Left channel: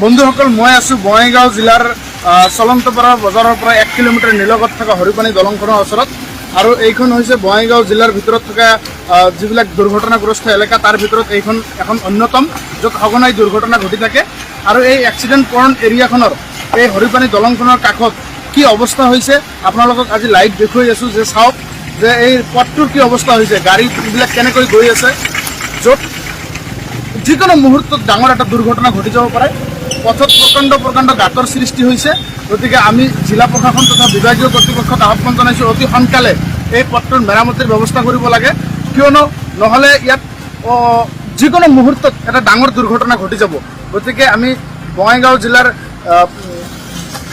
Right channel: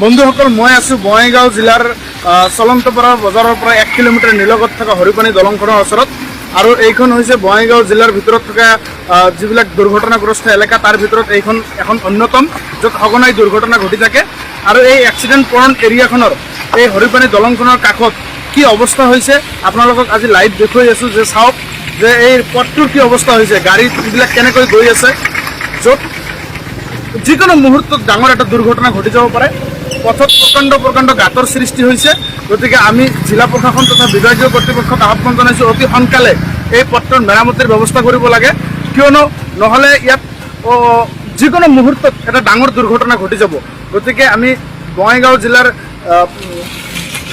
বন্ধুসকল, মই আছো বঙাইগাঁও জিলাৰ চলন্তপাৰা বজাৰৰ পৰা 1 কিলোমিটাৰ নিলগত থকা হৰিপানী দলংখনৰ ওচৰত। আৰু এইখন হৈছে বঙাইগাঁও জিলাৰ ভিতৰত থকা যিবিলাক দুৰ্ঘটনাগ্ৰস্ত এলেকা, তাৰ ভিতৰত এইখন এখন অন্যতম, য'ত সঘনাই দুৰ্ঘটনা ঘটি থাকে। আৰু এই এক্সিডেণ্ট প্ৰণ এৰিয়াখনৰ এই হৰিপানী দলংখনৰ কাষত কি অৱস্থা হৈছে আপোনালোকক আজি লাইভ দেখুৱাই আছো, যে চাওক যে এই পথটোৰ কি অৱস্থা হৈছে, গাড়ীবিলাক কেনেকৈ গৈ আছে, য'ত যিকোনো মুহূৰ্তত ডাঙৰ এটা দুৰ্ঘটনা ঘটি যাব পাৰে। পথত প্ৰকাণ্ড গাঁতৰ সৃষ্টি হৈছে। গতিকে আমি জিলা প্ৰশাসন তথা বিভাগীয় কৰ্তৃপক্ষক আহ্বান জনাইছোঁ, অতি সোনকালে এই পথটোৰ মেৰামতিৰ ব্যৱস্থা কৰিব লাগে, কিয়নো নহ'লে ইয়াত যিকোনো মুহূৰ্তত এটা ডাঙৰ দুৰ্ঘটনা ঘটি যাব। গতিকে আমি বঙাইগাঁও জিলাৰ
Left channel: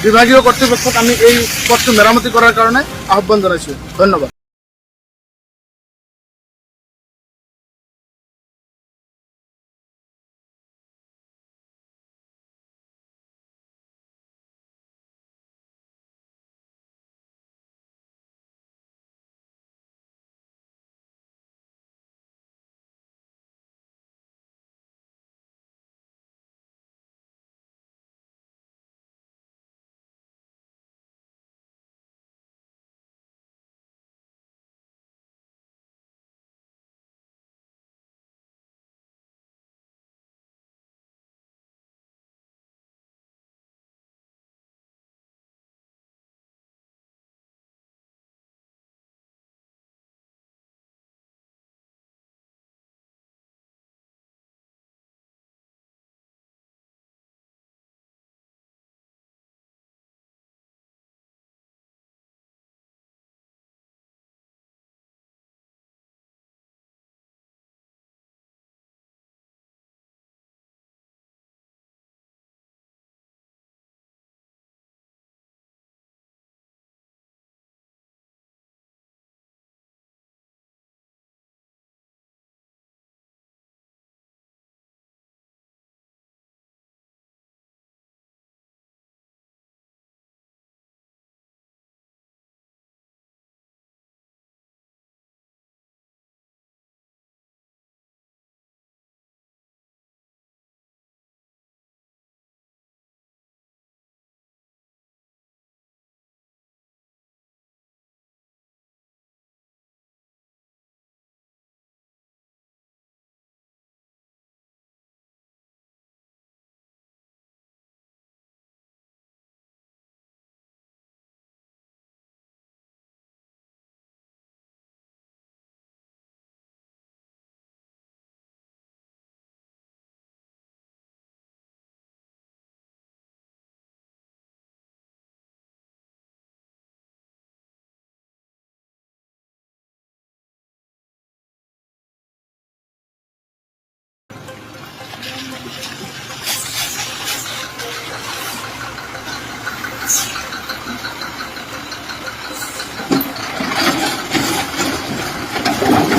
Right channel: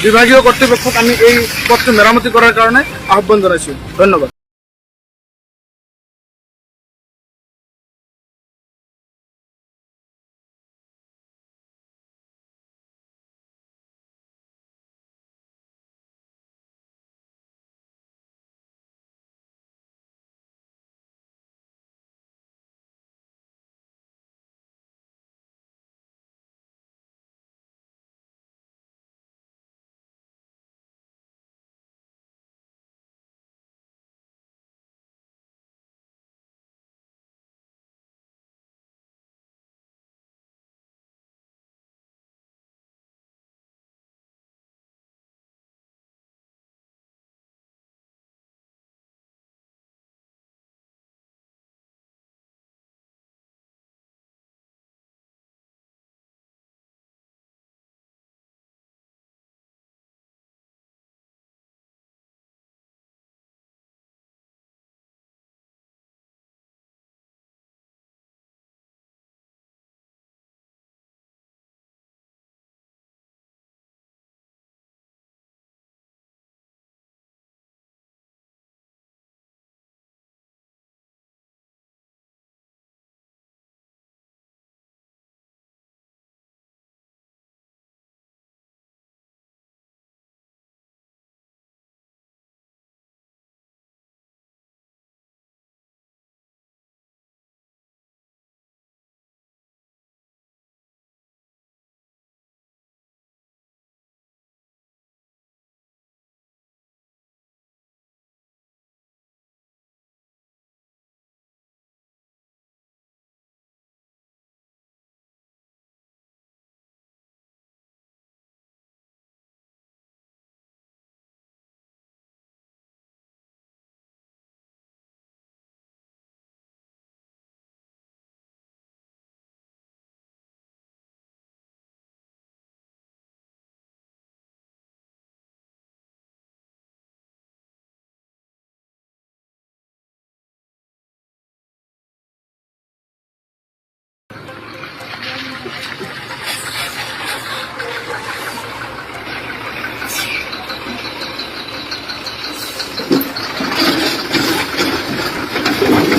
বিভাগীয় কৰ্তৃপক্ষক আমি এই পথটো মেৰামতি কৰাৰ কাৰণে আহ্বান জনাইছোঁ। ধন্যবাদ।